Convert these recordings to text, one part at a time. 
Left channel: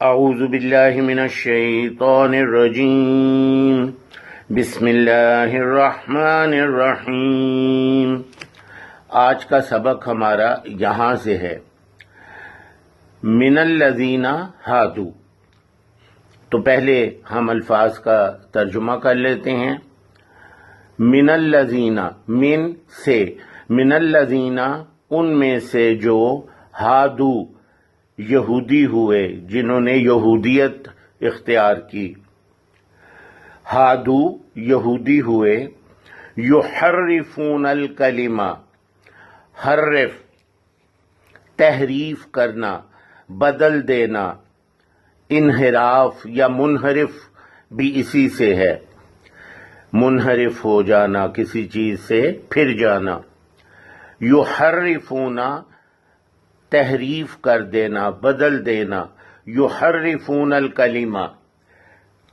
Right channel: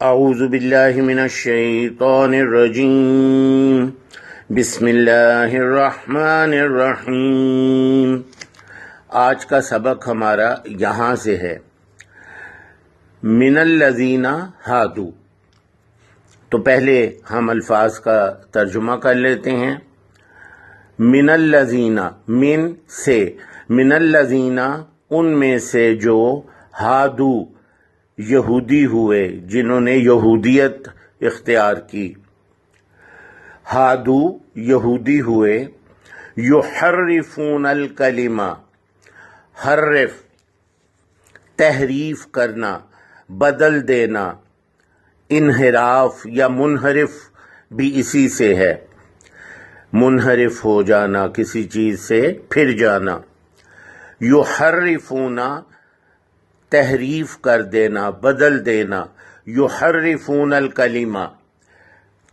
اعوذ باللہ من الشیطان الرجیم بسم اللہ الرحمن الرحیم۔ آج کا سبق ہمارا یہاں سے ہے، من الذین ہادو۔ تو پہلے ہم الفاظ کا ترجمہ کر لیتے ہیں۔ من الذین، من سے، من الذین ان میں سے جو، ہادو یہودی ہوئے، جنہوں نے یہودیت اختیار کی، ہادو یہودی ہوئے، یحرفون الکلمہ، حرف تحریف کرنا، بدل دینا، انحراف یا منحرف بھی اسی سے ہے، منحرف ہو جانا، کسی چیز سے پھر جانا، یحرفون تحریف کر دینا، بدل دینا، یحرفون الکلمہ،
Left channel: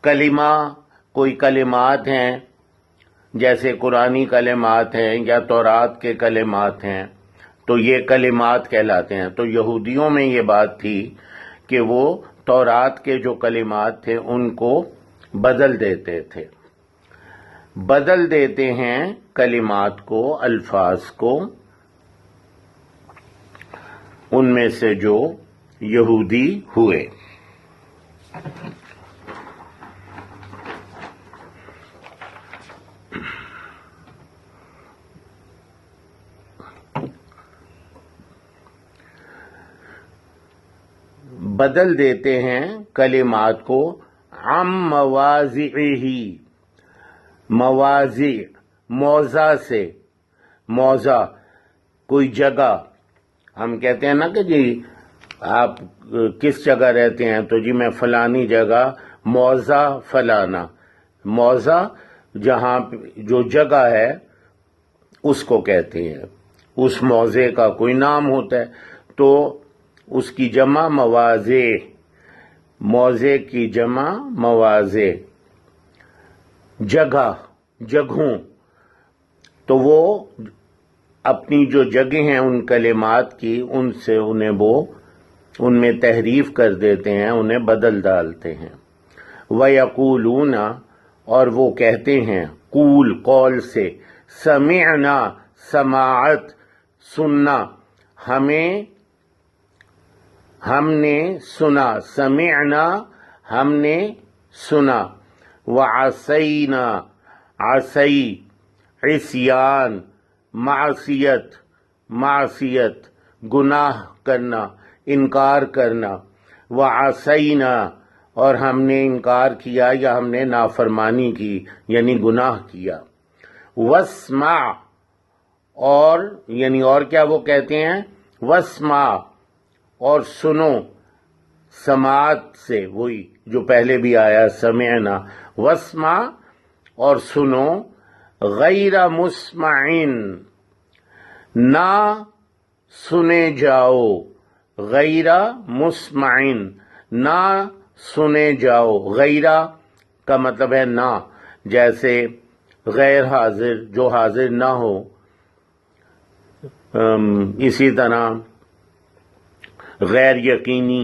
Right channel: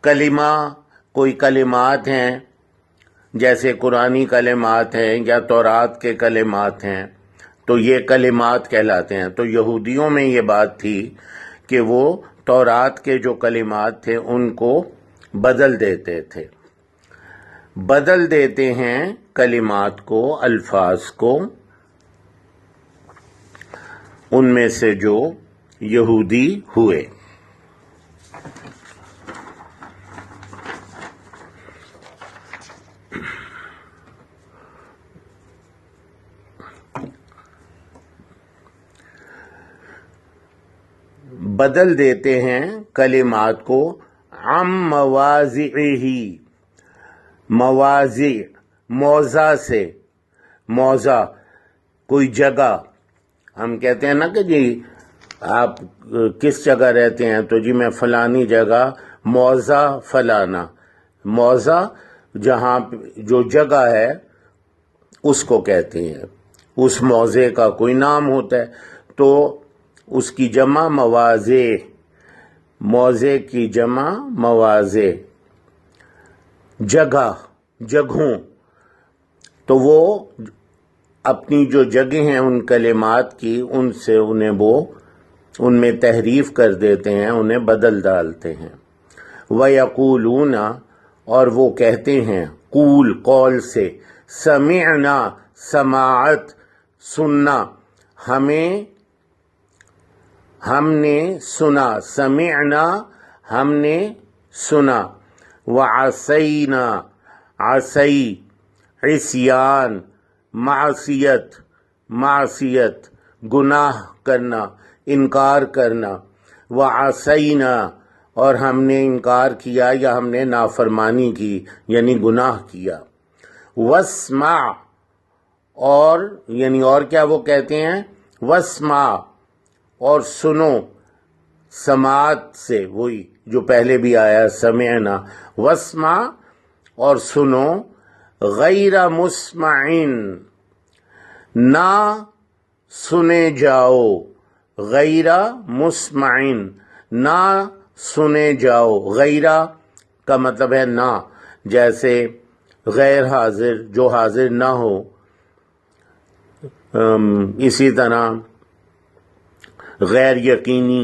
کلمہ کوئی کلمات ہیں جیسے قرآنی کلمات ہیں یا تورات کے کلمات ہیں، تو یہ کلمات کہلاتے ہیں۔ تو یہودیوں میں یہ بات تھی کہ وہ تورات کے جو کلمات تھے ان کو بدل دیتے تھے، بدل دیتے ہیں کلمات کو، الفاظ کو، ان میں سے جو یہودی ہوئے۔ بدل دیتے ہیں کلمات کو، عن مواضعہ، مواضع موضع سے، موضع کوئی جگہ، ہم کہتے ہیں نا کہ جی آپ کس جگہ رہتے ہیں، تو جی میں فلانی جگہ، موضع فلانا، موضع جہاں جو جگہ ہے اس کو کہتے ہیں، اس موضع کا کوئی نام ہوتا ہے، تو اس کی جمع مواضع، موضع کی جمع مواضع، جگہ، جگہوں، تو وہ اپنی جو جگہ ہیں ان کلمات کی، ان سے انہیں وہ ان میں تحریف کر دیتے ہیں، انہیں بدل ڈالتے ہیں۔ وَيَقُولُونَ اور وہ کہتے ہیں، قول قول سے، سمعنا سماعت سننا، ہم نے سنا، سمعنا ہم نے سنا، وعصینا عصی عصیان، معصیت معصیت گناہ کرنا، انکار کرنا، وعصینا اور ہم نے انکار کیا یا ہم نے نافرمانی کی یعنی گناہ کیا، واسمع اور یعنی اور کیا وہ کہتے ہیں، واسمع اور سنو، سماعت سے وہی جو پہلے بھی آیا سمعنا، واسمع اور سنو، غیر مسمعین نہ سنے جاؤ، غیر مسمعین نہ سنے جاؤ، غیر کا مطلب ہے نہ، جیسے غیر حاضر جو حاضر نہ ہو، اسی طرح غیر یقینی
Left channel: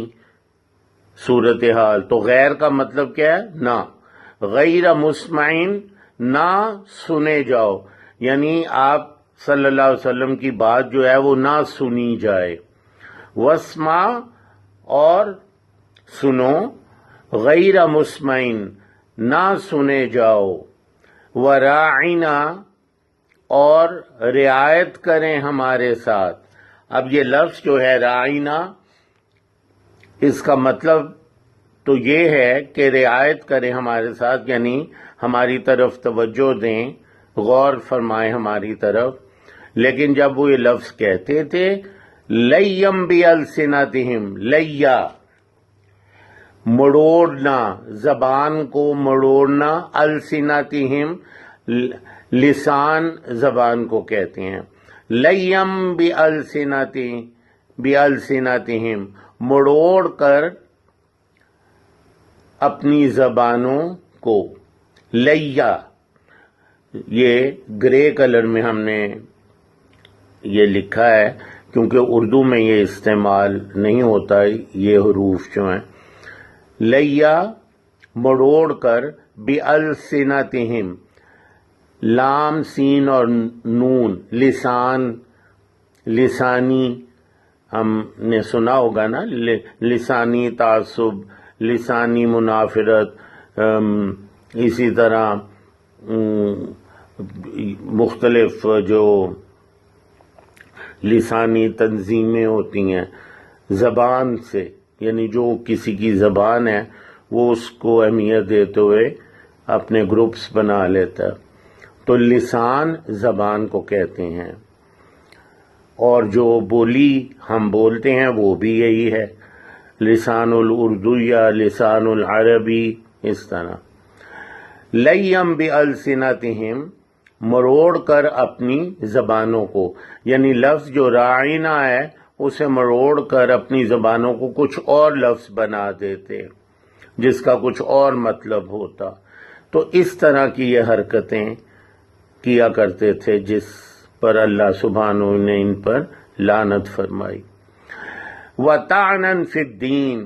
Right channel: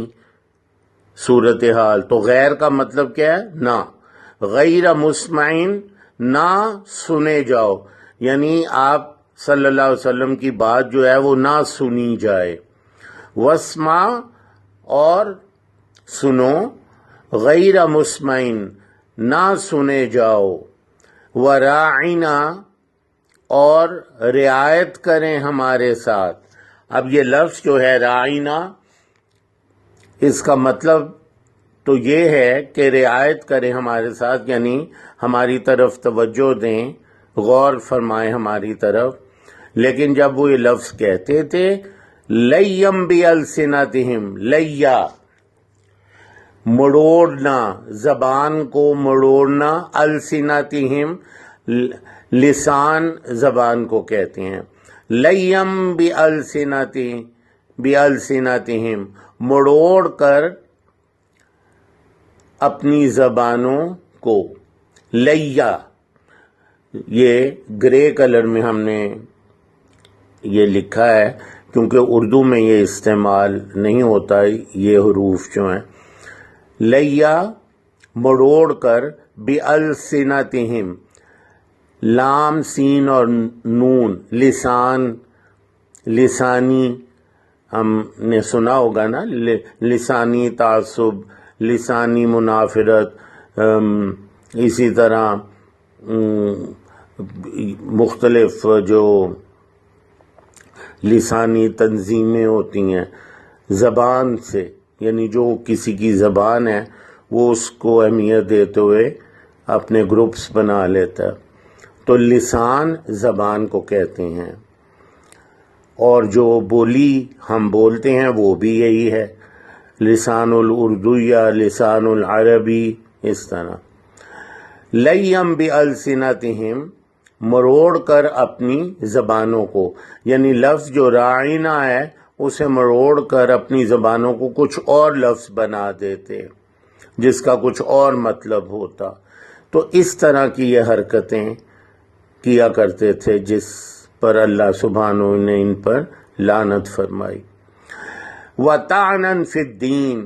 صورتحال، تو غیر کا مطلب کیا ہے، نہ، غیر مسمعین نہ سنے جاؤ، یعنی آپ صلی اللہ علیہ وسلم کی بات جو ہے وہ نہ سنی جائے، واسمع اور سنو، غیر مسمعین نہ سنے جاؤ، وراعنا اور رعایت کریں ہمارے ساتھ۔ اب یہ لفظ جو ہے راعنا، اس کا مطلب تو یہ ہے کہ رعایت کریں ہمارے ساتھ، یعنی ہماری طرف توجہ دیں، غور فرمائیں ہماری طرف، لیکن جب وہ یہ لفظ کہتے تھے، لیم بِأَلْسِنَتِهِمْ، لیا مڑوڑنا، زبان کو مڑوڑنا، السنتہم لسان زبان کو کہتے ہیں، لیم بِأَلْسِنَتِهِمْ مڑوڑ کر اپنی زبانوں کو، لیا یہ گرے کلر میں ہم نے یہ لکھا ہے کیونکہ اردو میں یہ استعمال نہیں ہوتا، یہ حروف جو ہیں لیا مروڑ کر، بِأَلْسِنَتِهِمْ لام سین اور نون، لسانی ہم نے سنا ہوگا نا، لسانی تعصب، لسانی منافرت، اسی طرح مختلف جو لسانی تنظیمیں ہوتی ہیں زبان سے، یعنی جو کسی کی زبان ہے وہ اس کو اہمیت دیتے ہوئے اپنے گروپس بنا لیتا ہے، تو لسان زبان کو کہتے ہیں، اور جو بولی ہم بولتے ہیں وہ بھی یہی ہے، لسان الاردو یا لسان العربی، اس طرح۔ لیم بِأَلْسِنَتِهِمْ مروڑ کر اپنی زبانوں کو، یعنی لفظ جو رائنا ہے اسے مروڑ کر اپنی زبانوں کو کچھ اور لفظ بنا دیتے جس کا کچھ اور مطلب ہوتا، تو اس طرح کی یہ حرکتیں کیا کرتے تھے جس پر اللہ سبحانہ نے ان پر لعنت فرمائی۔ وَطَعْنًا فِي الدِّينِ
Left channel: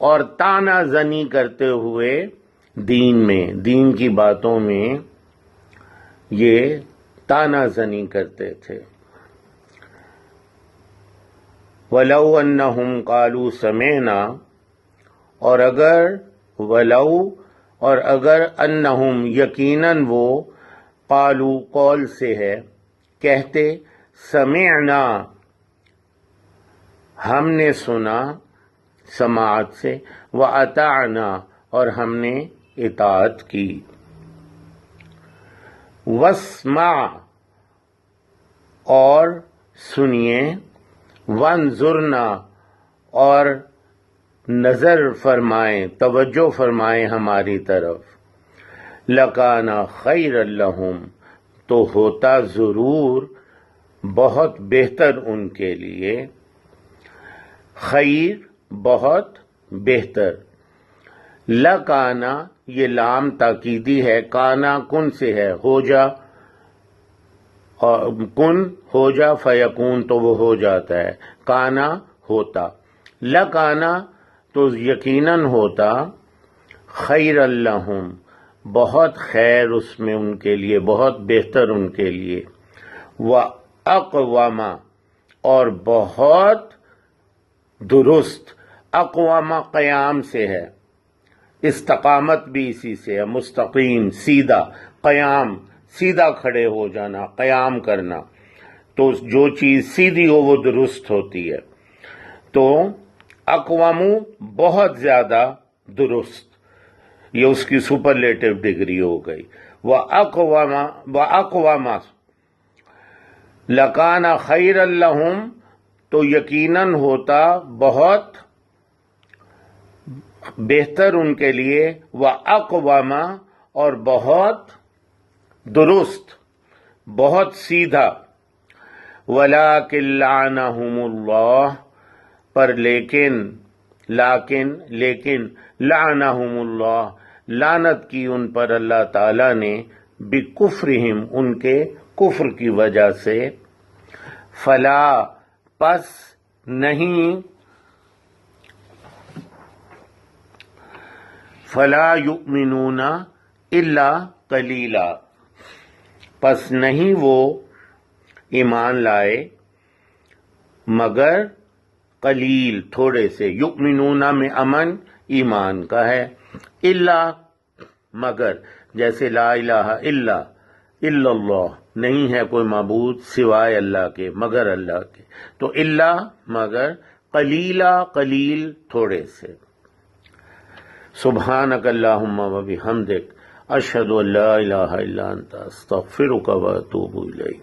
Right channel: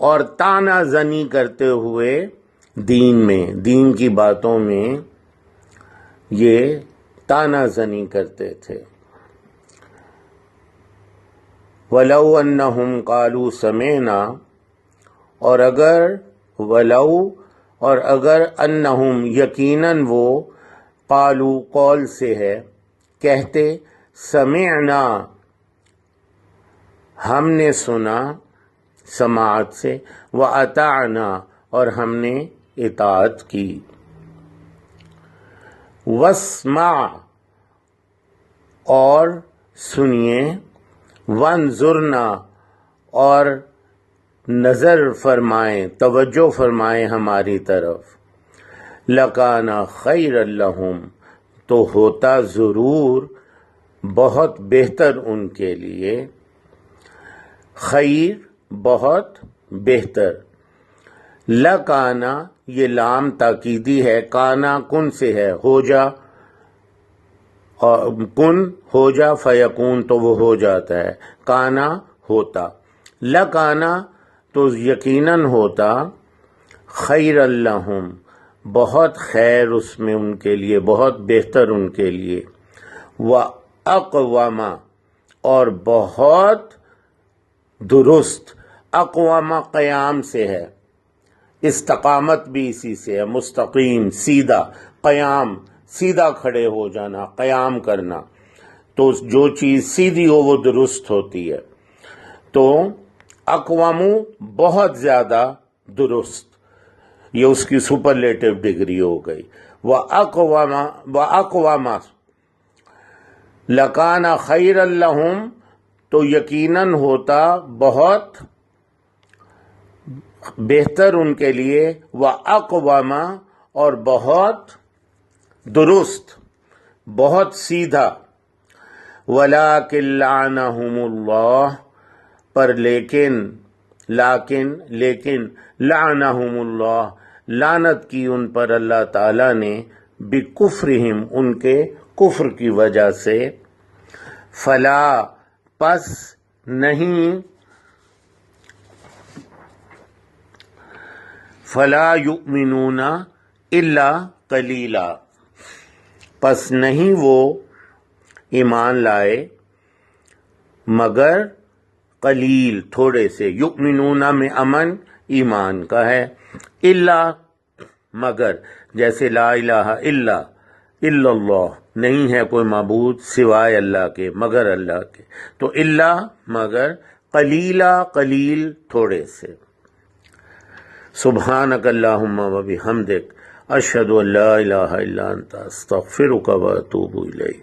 اور طعنہ زنی کرتے ہوئے دین میں، دین کی باتوں میں یہ طعنہ زنی کرتے تھے۔ وَلَوْ أَنَّهُمْ قَالُوا سَمِعْنَا اور اگر انہم یقیناً وہ، قالوا قول سے ہے، کہتے، سمعنا ہم نے سنا، سماعت سے، وَأَطَعْنَا اور ہم نے اطاعت کی۔ وَاسْمَعْ اور سنیے، وَانظُرْنَا اور نظر فرمائیں، توجہ فرمائیں ہماری طرف، لَكَانَ خَيْرًا لَهُمْ تو ہوتا ضرور بہت بہتر ان کے لیے، خیر بہت بہتر، لَكَانَ یہ لام تاکیدی ہے، کانا کن سے ہے، ہو جا، کن ہو جا، فیکون تو وہ ہو جاتا ہے، کانا ہوتا، لَكَانَ تو یقیناً ہوتا، خیر لہم بہت خیر اس میں ان کے لیے، بہت بہتر ان کے لیے، وَأَقْوَمَ اور بہت درست، اقوام قیام سے ہے، استقامت بھی اسی سے ہے، مستقیم، سیدھا، قیام سیدھا کھڑے ہو جانا، قیام کرنا، تو جو چیز سیدھی ہو وہ درست ہوتی ہے، تو اقوام بہت زیادہ درست، یہ اس کی سپرلیٹو ڈگری ہو گئی، وَأَقْوَمَ لَكَانَ خَيْرًا لَهُمْ تو یقیناً ہوتا بہت بہتر ان کے لیے، وَأَقْوَمَ اور بہت درست، بہت سیدھا، وَلَٰكِن لَعَنَهُمُ اللَّهُ پر لیکن لعنہم اللہ لعنت کی ان پر اللہ تعالیٰ نے، بکفرہم ان کے کفر کی وجہ سے، فلا پس نہیں، فلا یؤمنون الا قلیلا پس نہیں وہ ایمان لائے مگر قلیل، تھوڑے سے، یؤمنون میں امن ایمان کا ہے، الا مگر، جیسے لا الہ الا اللہ نہیں ہے کوئی معبود سوائے اللہ کے، مگر اللہ کے، تو الا مگر، قلیلا قلیل تھوڑے سے۔ سبحانک اللہم و بحمدک، اشہد ان لا الہ الا انت، استغفرک و اتوب الیک۔